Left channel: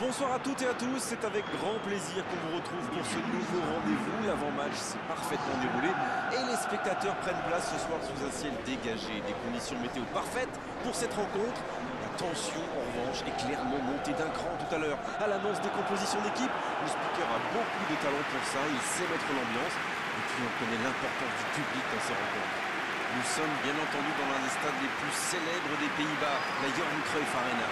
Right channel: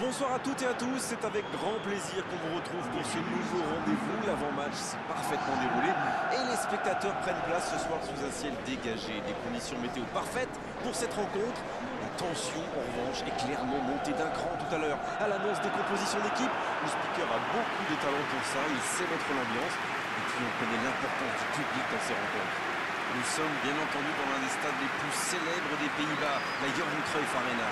Bonsoir à toutes et à tous, c'est avec grand plaisir qu'on vous retrouve pour ce nouveau rendez-vous. L'avant-match s'est parfaitement déroulé et les spectateurs prennent place ce soir sous un ciel dégagé. Des conditions météo parfaites pour cette rencontre. La tension, en revanche, est clairement montée d'un cran tout à l'heure. À l'annonce des compositions d'équipe, le speaker a beaucoup de talent pour ça, il sait mettre l'ambiance. Et puis on connaît l'importance du public dans ces rencontres. Nous sommes bien entendu dans l'un des stades les plus célèbres des Pays-Bas, la Johan Cruyff Arena.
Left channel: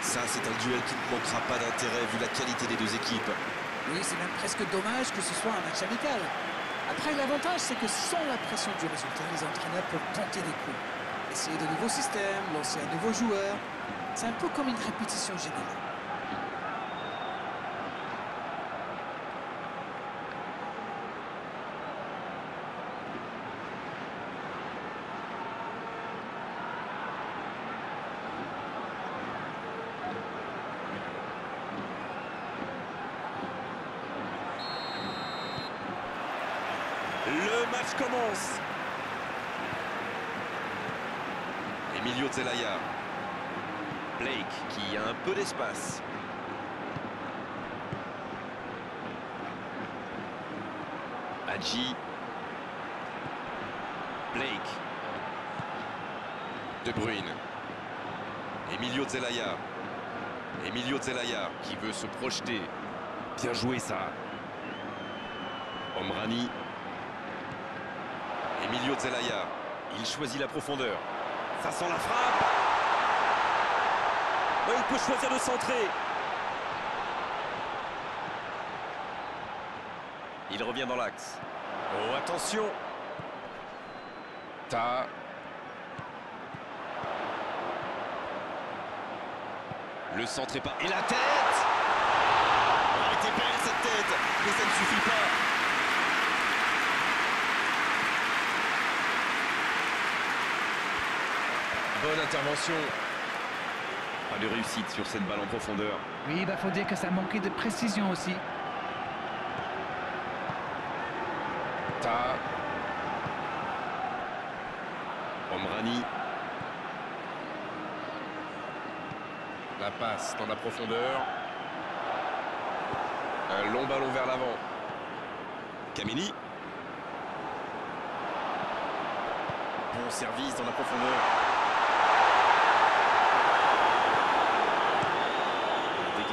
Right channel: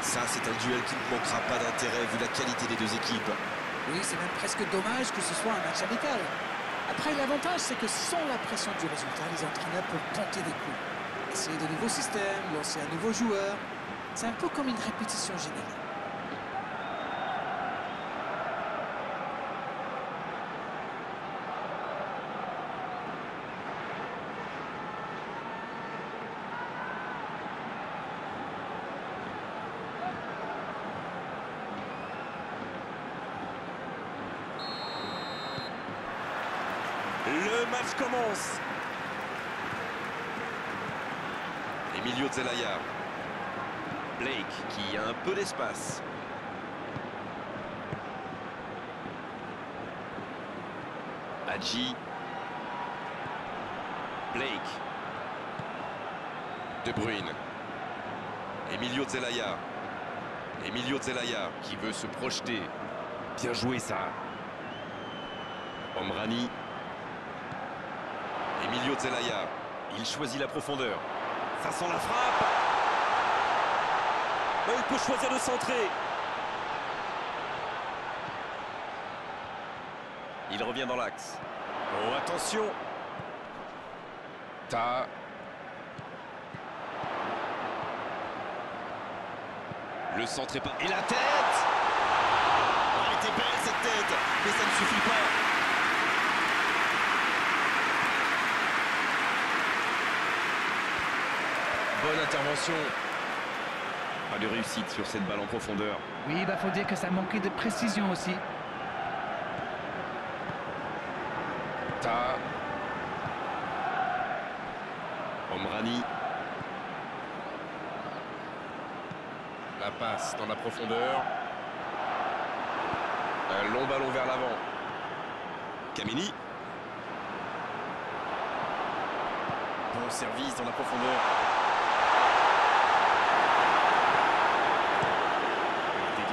Ça, c'est un duel qui ne manquera pas d'intérêt vu la qualité des deux équipes. Oui, c'est même presque dommage que ce soit un match amical. Après, l'avantage, c'est que sans la pression du résultat, les entraîneurs peuvent tenter des coups. Essayer de nouveaux systèmes, lancer un nouveau joueur. C'est un peu comme une répétition générale. Le match commence. Emilio Zelaya. Blake qui a un peu d'espace. Hadji. Blake. De Bruyne. Emilio Zelaya. Emilio Zelaya qui veut se projeter. Bien joué ça. Omrani. Emilio Zelaya, il choisit la profondeur. Ça sent la frappe. Oh, il peut choisir de centrer. Il revient dans l'axe. Oh, attention. Ta. Le centre est pas... Et la tête. Oh, elle était belle cette tête, mais ça ne suffit pas. Bonne intervention. Pas de réussite sur cette balle en profondeur. Oui, faut dire que ça manquait de précision aussi. Ta. Omrani. La passe dans la profondeur. Un long ballon vers l'avant. Kameni. Bon service dans la profondeur.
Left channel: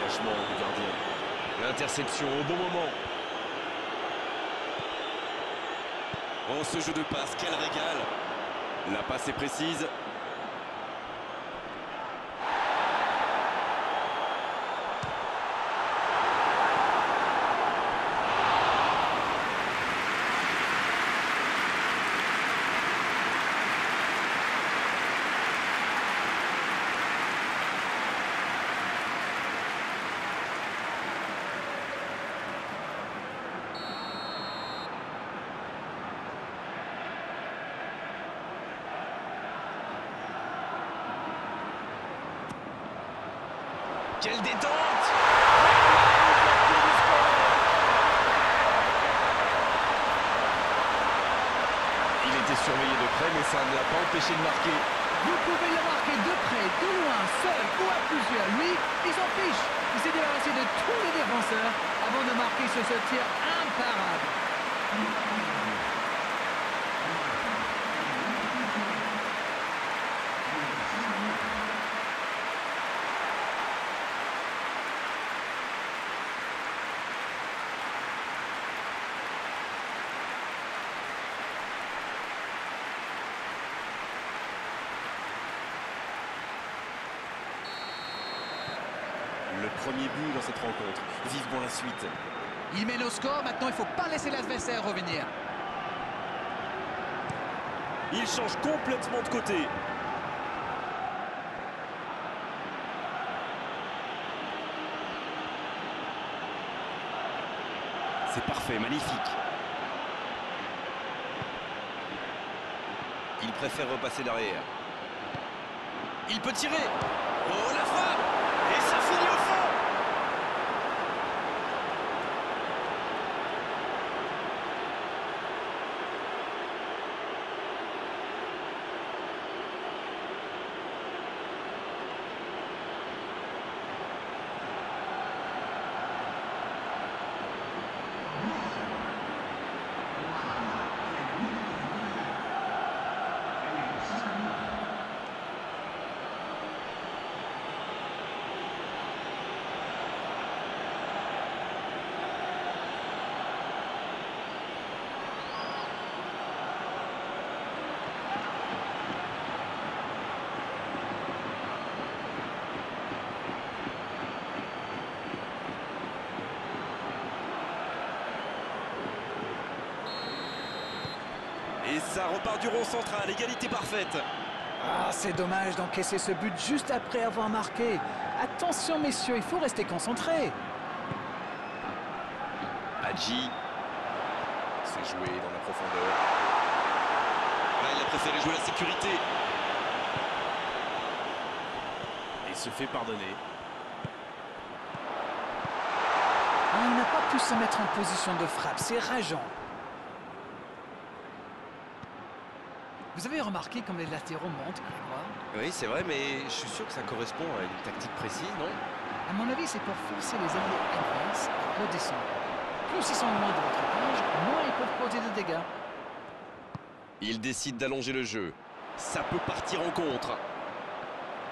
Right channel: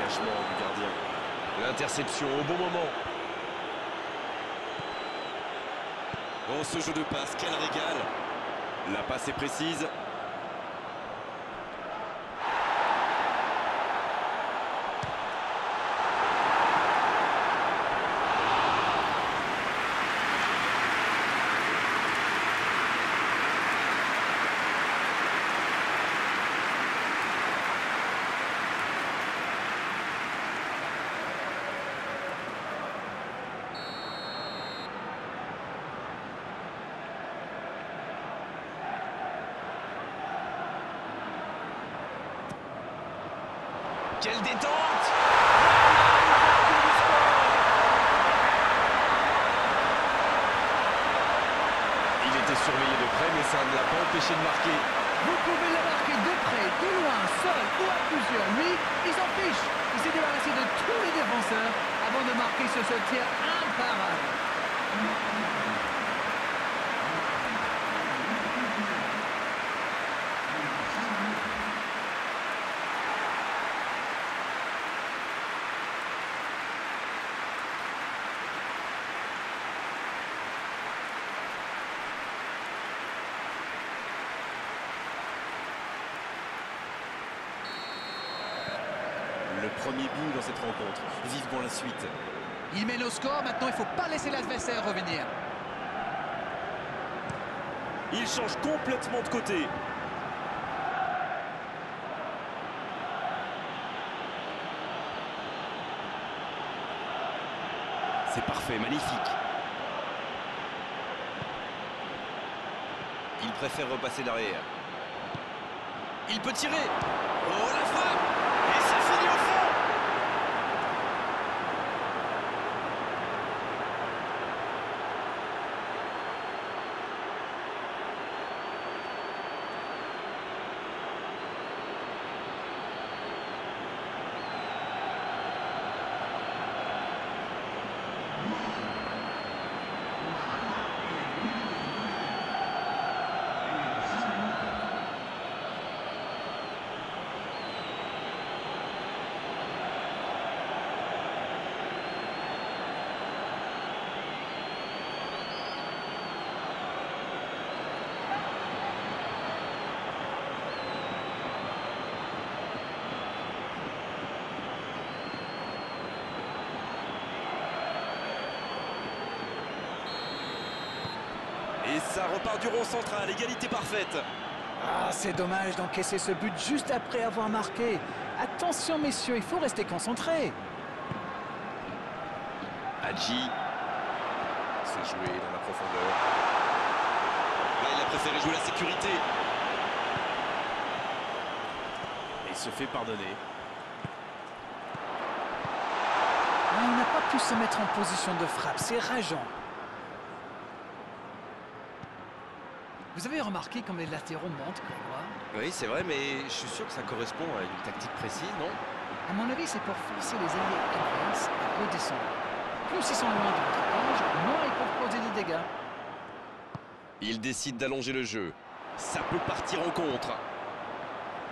Du gardien. L'interception au bon moment. Oh, ce jeu de passe, quel régal. La passe est précise. Quelle détente! Il était surveillé de près, mais ça ne l'a pas empêché de marquer. Vous pouvez le marquer de près, de loin, seul ou à plusieurs. Lui, il s'en fiche. Il s'est débarrassé de tous les défenseurs avant de marquer sur ce tir imparable. Le premier but dans cette rencontre. Vivement la suite. Il mène au score, maintenant il ne faut pas laisser l'adversaire revenir. Il change complètement de côté. C'est parfait, magnifique. Il préfère repasser derrière. Il peut tirer. Oh, la frappe! Et ça finit au fond! Et ça repart du rond central, égalité parfaite. Ah, c'est dommage d'encaisser ce but juste après avoir marqué. Attention messieurs, il faut rester concentré. Hadji. C'est joué dans la profondeur. Là, il a préféré jouer la sécurité. Et il se fait pardonner. Ah, il n'a pas pu se mettre en position de frappe, c'est rageant. Vous avez remarqué comme les latéraux montent, Grégoire? Oui, c'est vrai, mais je suis sûr que ça correspond à une tactique précise, non? À mon avis, c'est pour forcer les alliés adverses à redescendre. Plus ils sont loin de votre cage, moins ils peuvent causer de dégâts. Il décide d'allonger le jeu. Ça peut partir en contre.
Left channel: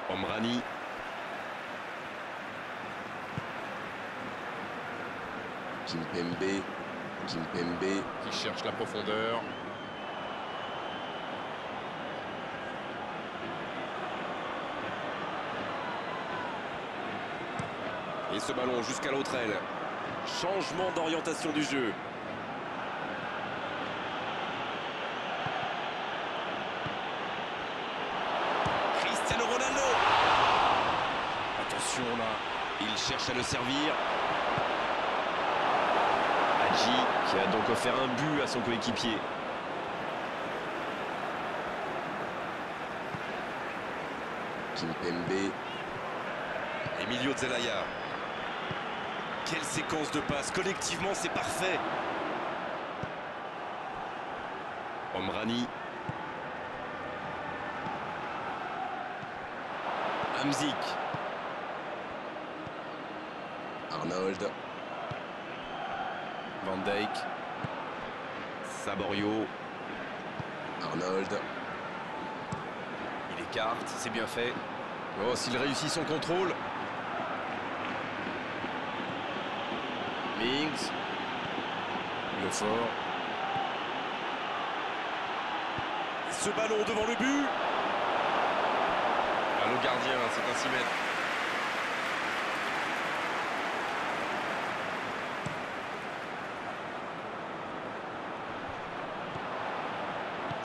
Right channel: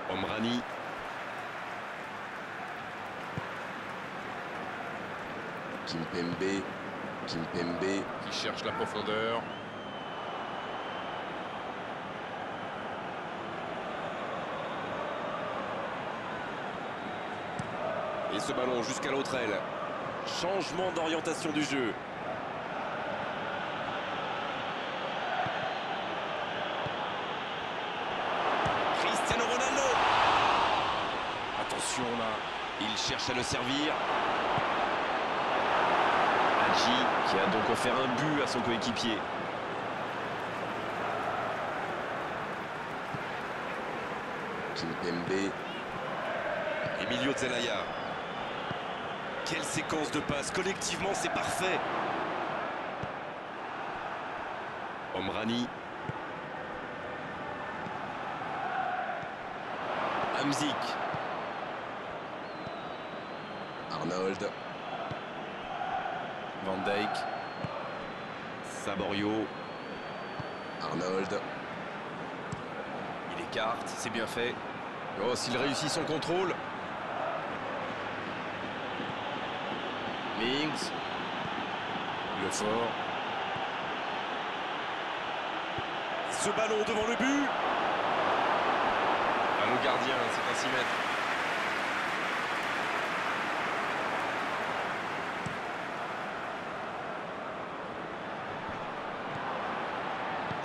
Omrani. Kimpembe. Kimpembe qui cherche la profondeur. Et ce ballon jusqu'à l'autre aile. Changement d'orientation du jeu. Cristiano Ronaldo. Attention là, il cherche à le servir. Hadji qui a donc offert un but à son coéquipier. Kimpembe. Emilio Zelaya. Quelle séquence de passes, collectivement c'est parfait. Omrani. Hamzik. Arnold. Van Dijk. Saborio. Arnold. Il écarte, c'est bien fait. Oh, s'il réussit son contrôle. Mings. Le fort. Ce ballon devant le but. Allô gardien, c'est un 6 mètres.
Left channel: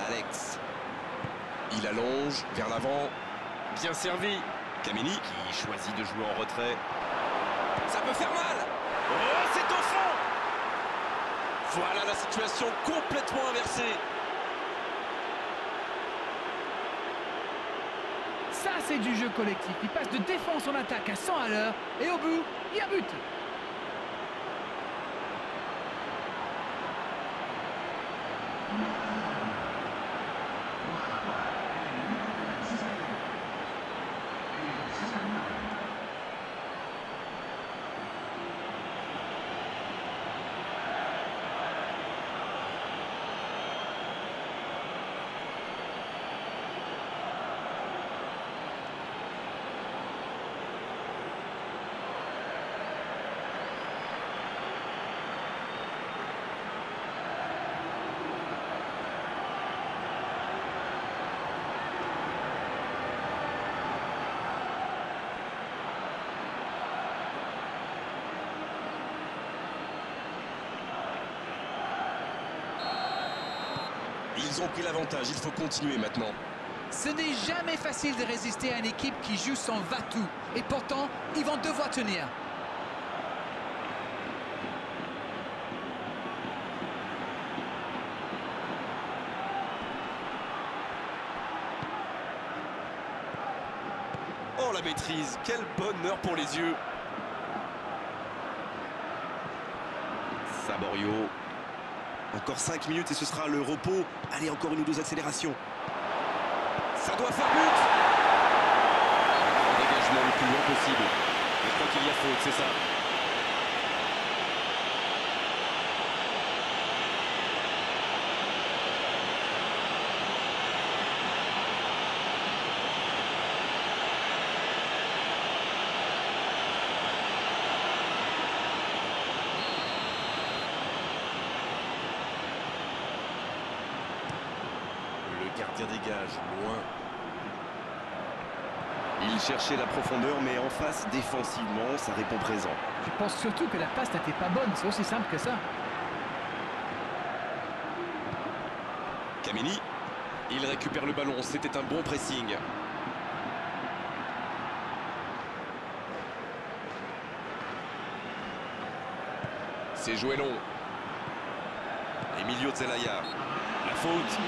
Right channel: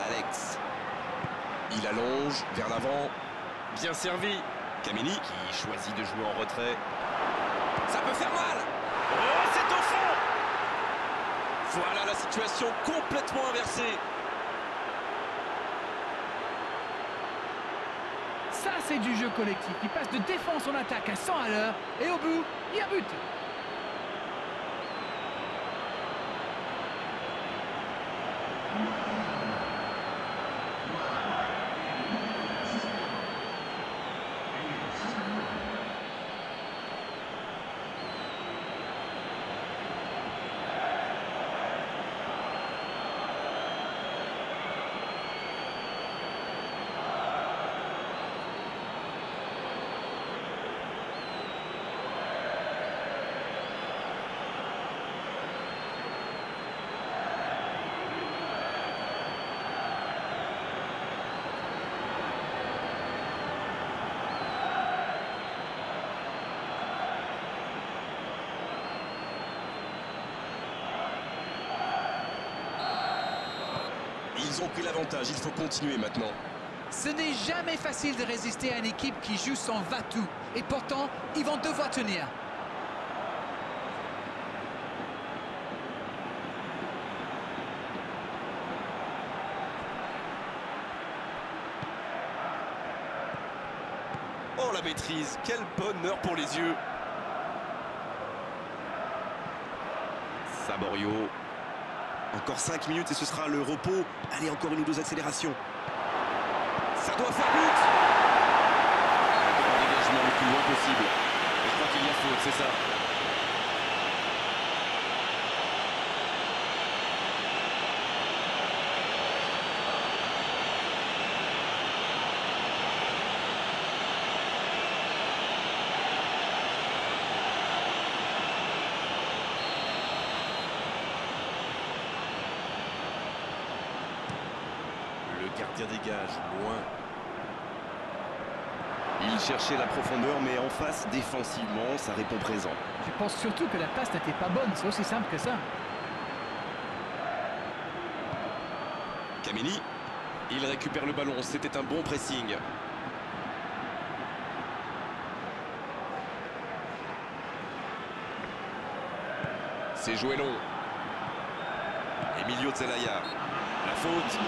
Alex. Il allonge vers l'avant. Bien servi. Kameni qui choisit de jouer en retrait. Ça peut faire mal. Oh, c'est au fond. Voilà la situation complètement inversée. Ça, c'est du jeu collectif. Il passe de défense en attaque à 100 à l'heure. Et au bout, il y a but. Ils ont pris l'avantage, il faut continuer maintenant. Ce n'est jamais facile de résister à une équipe qui joue son va-tout. Et pourtant, ils vont devoir tenir. Oh la maîtrise, quel bonheur pour les yeux. Saborio. Encore 5 minutes et ce sera le repos. Allez, encore une ou deux accélérations. Ça doit faire but. Un grand dégagement le plus loin possible. Mais je crois qu'il y a faute, c'est ça. Le gardien dégage, loin. Il cherchait la profondeur, mais en face, défensivement, ça répond présent. Je pense surtout que la passe n'était pas bonne. C'est aussi simple que ça. Kameni, il récupère le ballon, c'était un bon pressing. C'est joué long. Emilio Zelaya, la faute.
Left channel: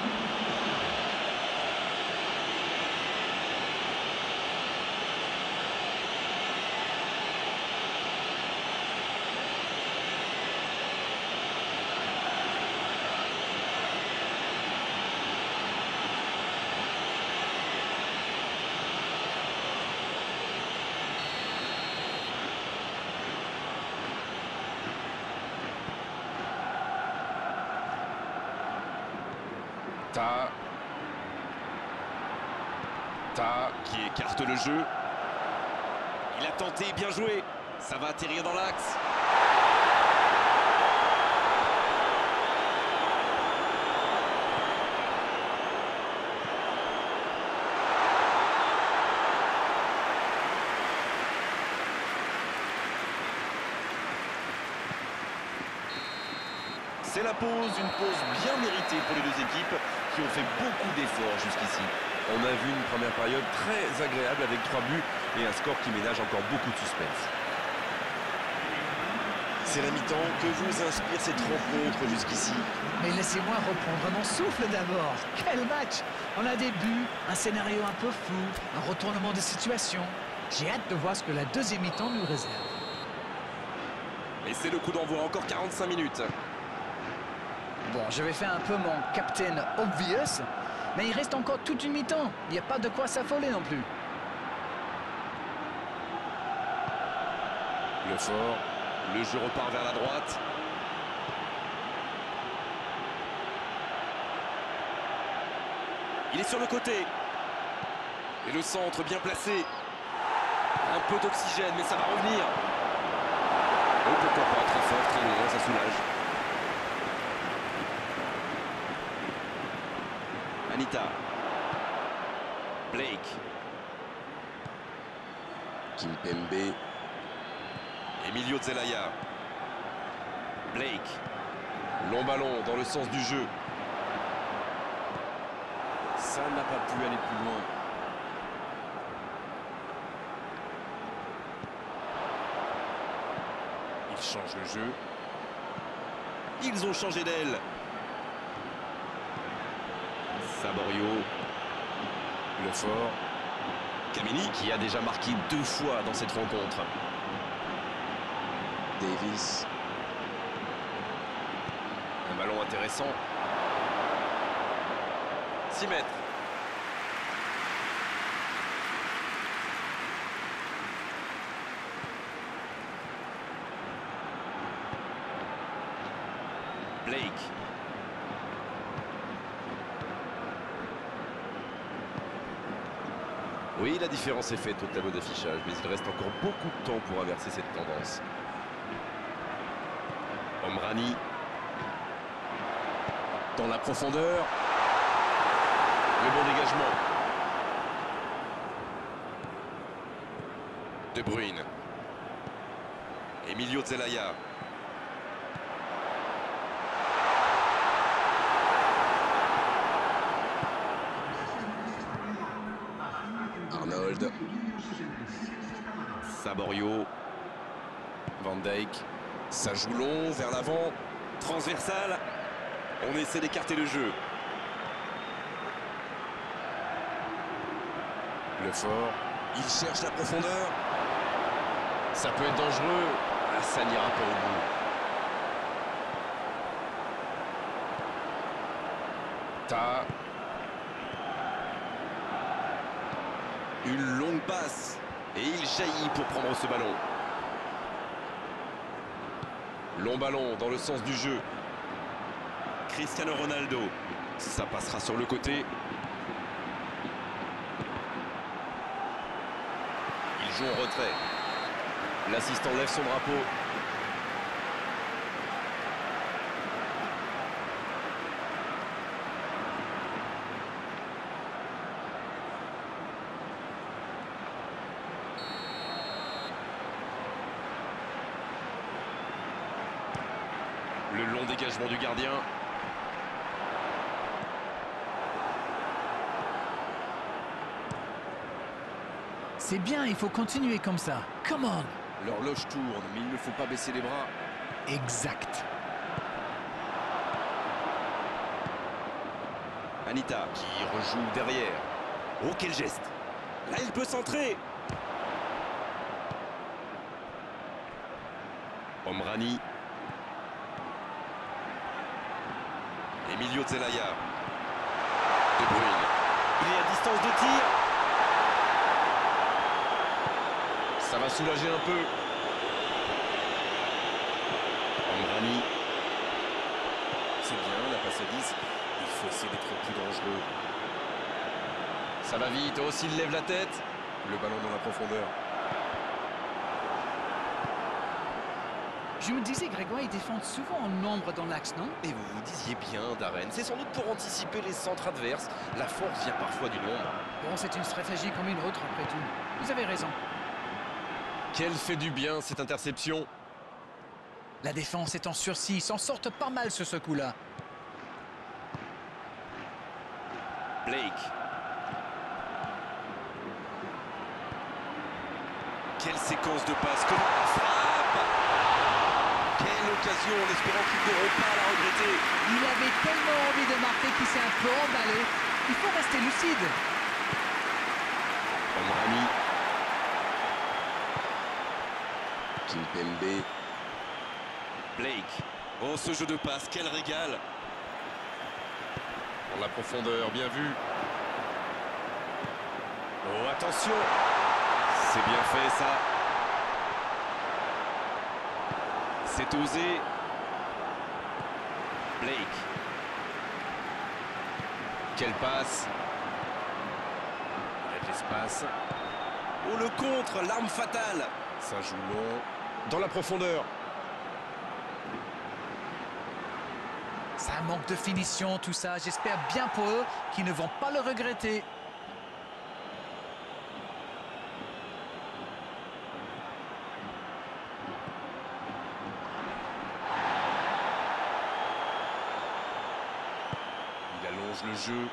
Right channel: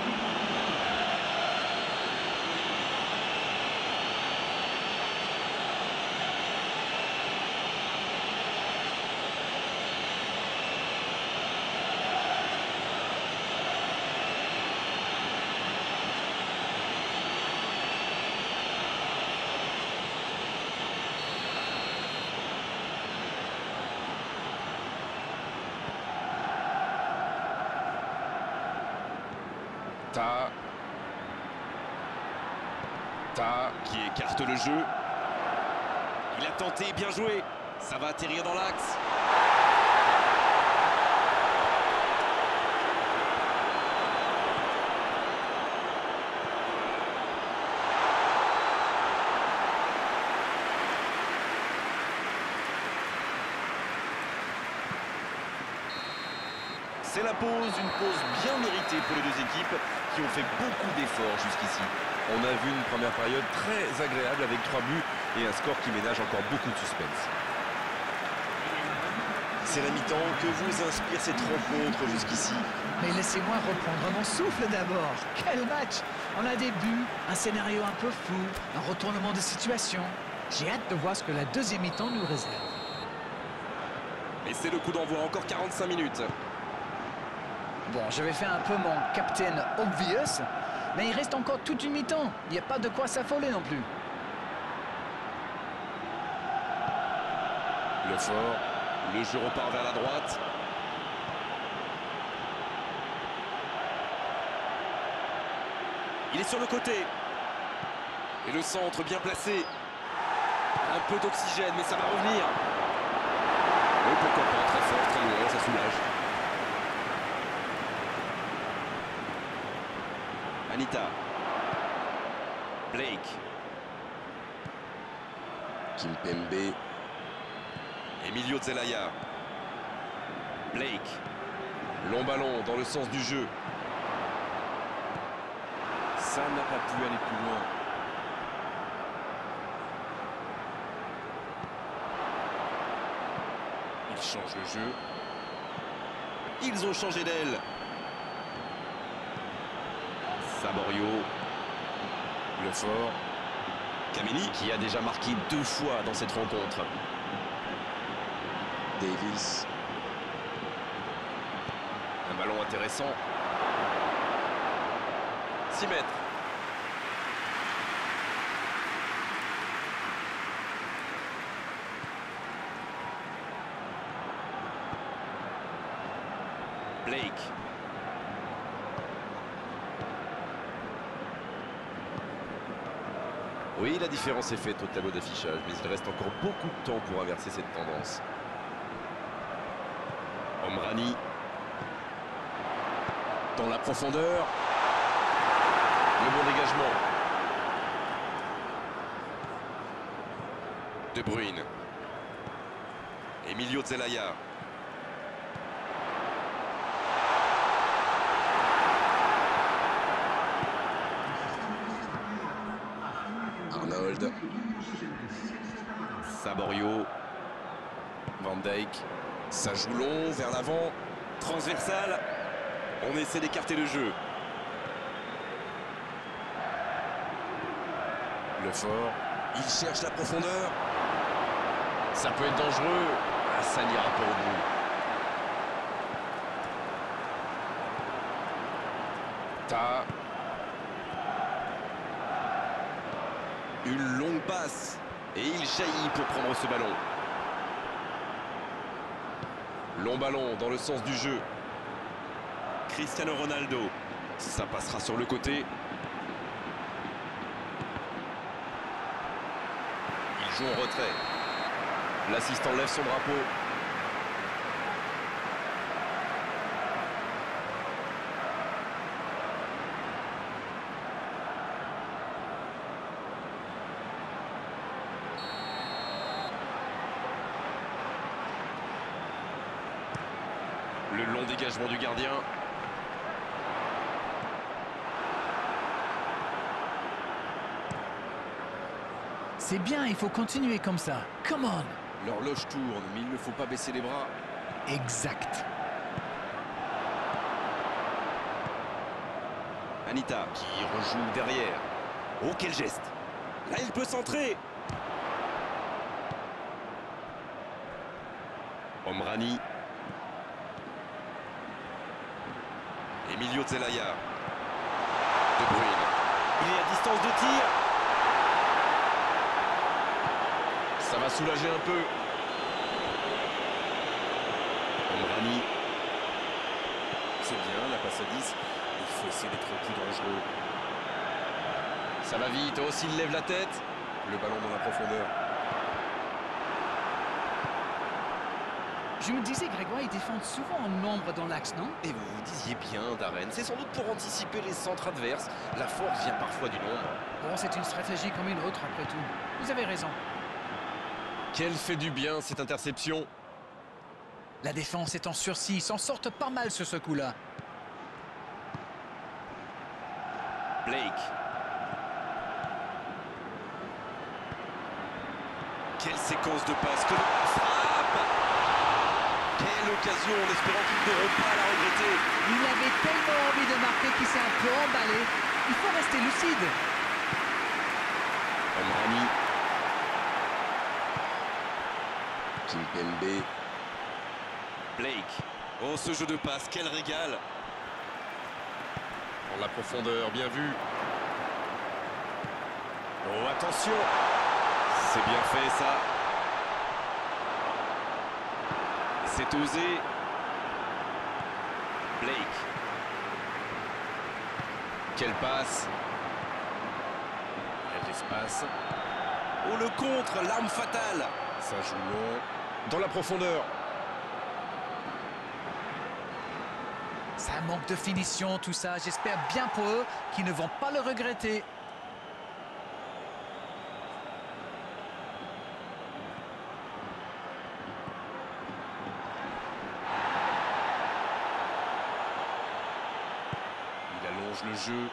Ta qui écarte le jeu. Il a tenté, bien joué. Ça va atterrir dans l'axe. C'est la pause, une pause bien méritée pour les deux équipes qui ont fait beaucoup d'efforts jusqu'ici. On a vu une première période très agréable avec 3 buts et un score qui ménage encore beaucoup de suspense. C'est la mi-temps. Que vous inspire cette rencontre jusqu'ici? Mais laissez-moi reprendre mon souffle d'abord. Quel match! On a des buts, un scénario un peu flou, un retournement de situation. J'ai hâte de voir ce que la deuxième mi-temps nous réserve. Et c'est le coup d'envoi, encore 45 minutes. Bon, je vais faire un peu mon Captain Obvious, mais il reste encore toute une mi-temps. Il n'y a pas de quoi s'affoler non plus. Le fort, le jeu repart vers la droite. Il est sur le côté. Et le centre bien placé. Un peu d'oxygène, mais ça va revenir. Oh, pourquoi pas, très fort, très loin, ça soulage. Anita. Blake. Kimpembe. Emilio Zelaya. Blake. Long ballon dans le sens du jeu. Ça n'a pas pu aller plus loin. Il change le jeu. Ils ont changé d'aile. Saborio. Le fort. Kameni qui a déjà marqué 2 fois dans cette rencontre. Davis. Un ballon intéressant. 6 mètres. Blake. Oui, la différence est faite au tableau d'affichage, mais il reste encore beaucoup de temps pour inverser cette tendance. Omrani. Dans la profondeur. Le bon dégagement. De Bruyne. Emilio Zelaya. Arnold. Saborio. Van Dijk. Ça joue long, vers l'avant. Transversal. On essaie d'écarter le jeu. Le fort. Il cherche la profondeur. Ça peut être dangereux. Ah, ça n'ira pas au bout. Ta. Une longue passe. Et il jaillit pour prendre ce ballon. Long ballon dans le sens du jeu. Cristiano Ronaldo. Ça passera sur le côté. Il joue en retrait. L'assistant lève son drapeau. Le long dégagement du gardien. C'est bien, il faut continuer comme ça. Come on. L'horloge tourne, mais il ne faut pas baisser les bras. Exact. Anita qui rejoue derrière. Oh, quel geste! Là, il peut centrer. Omrani. Emilio Zelaya. De Bruyne. Il est à distance de tir. Ça va soulager un peu. Omrani. C'est bien, la passe à 10. Il faut essayer d'être plus dangereux. Ça va vite. Oh, s'il lève la tête. Le ballon dans la profondeur. Je me disais, Grégoire, ils défendent souvent en nombre dans l'axe, non? Et vous vous disiez bien, Darren. C'est sans doute pour anticiper les centres adverses. La force vient parfois du nombre. Bon, c'est une stratégie comme une autre, après tout. Vous avez raison. Quelle fait du bien, cette interception. La défense est en sursis. Ils s'en sortent pas mal sur ce coup-là. Blake. Quelle séquence de passes. Comment la frappe. Quelle occasion, en espérant qu'ils n'auront pas à la regretter. Il avait tellement envie de marquer qu'il s'est un peu emballé. Il faut rester lucide. Omrani. Kimpembe. Blake. Oh, ce jeu de passe, quel régal. Dans la profondeur, bien vu. Oh, attention. C'est bien fait, ça. C'est osé. Blake. Quelle passe. Il y a de l'espace. Oh, le contre, l'arme fatale. Ça joue long. Dans la profondeur. Ça manque de finition, tout ça. J'espère bien pour eux qu'ils ne vont pas le regretter. Il allonge le jeu.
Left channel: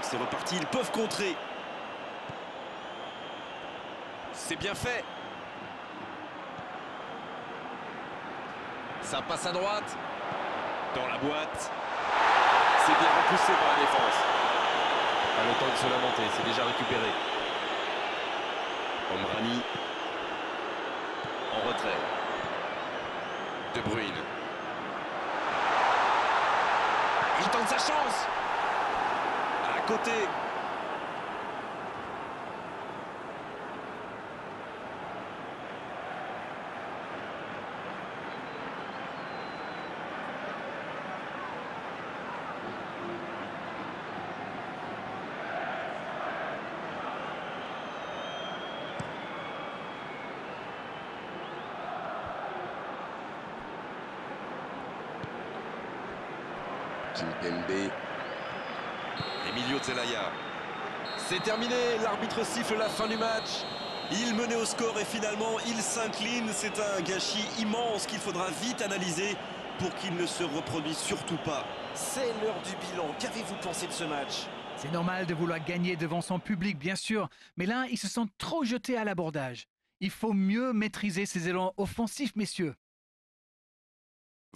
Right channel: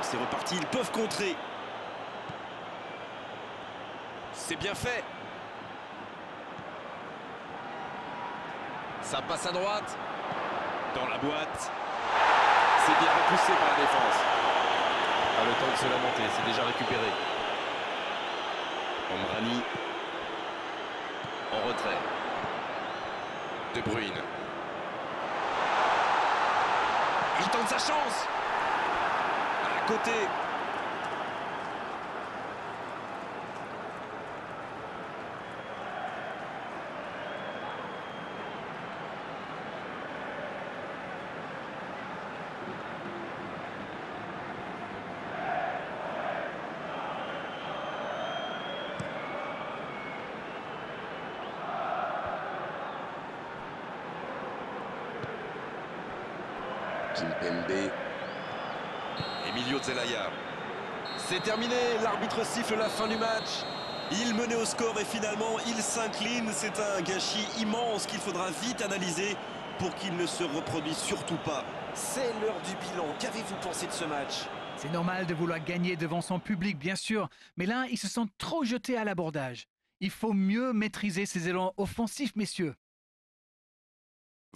C'est reparti, ils peuvent contrer. C'est bien fait. Ça passe à droite. Dans la boîte. C'est bien repoussé par la défense. Pas le temps de se lamenter, c'est déjà récupéré. Omrani. En retrait. De Bruyne. Il tente sa chance. À côté. Kimpembe. Emilio Zelaya. C'est terminé, l'arbitre siffle la fin du match. Il menait au score et finalement il s'incline. C'est un gâchis immense qu'il faudra vite analyser pour qu'il ne se reproduise surtout pas. C'est l'heure du bilan. Qu'avez-vous pensé de ce match? C'est normal de vouloir gagner devant son public, bien sûr. Mais là, ils se sont trop jetés à l'abordage. Il faut mieux maîtriser ses élans offensifs, messieurs.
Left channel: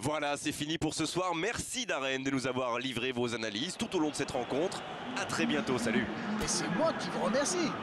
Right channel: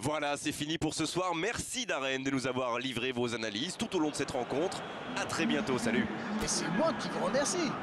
Voilà, c'est fini pour ce soir. Merci Darren de nous avoir livré vos analyses tout au long de cette rencontre. À très bientôt, salut. Et c'est moi qui vous remercie.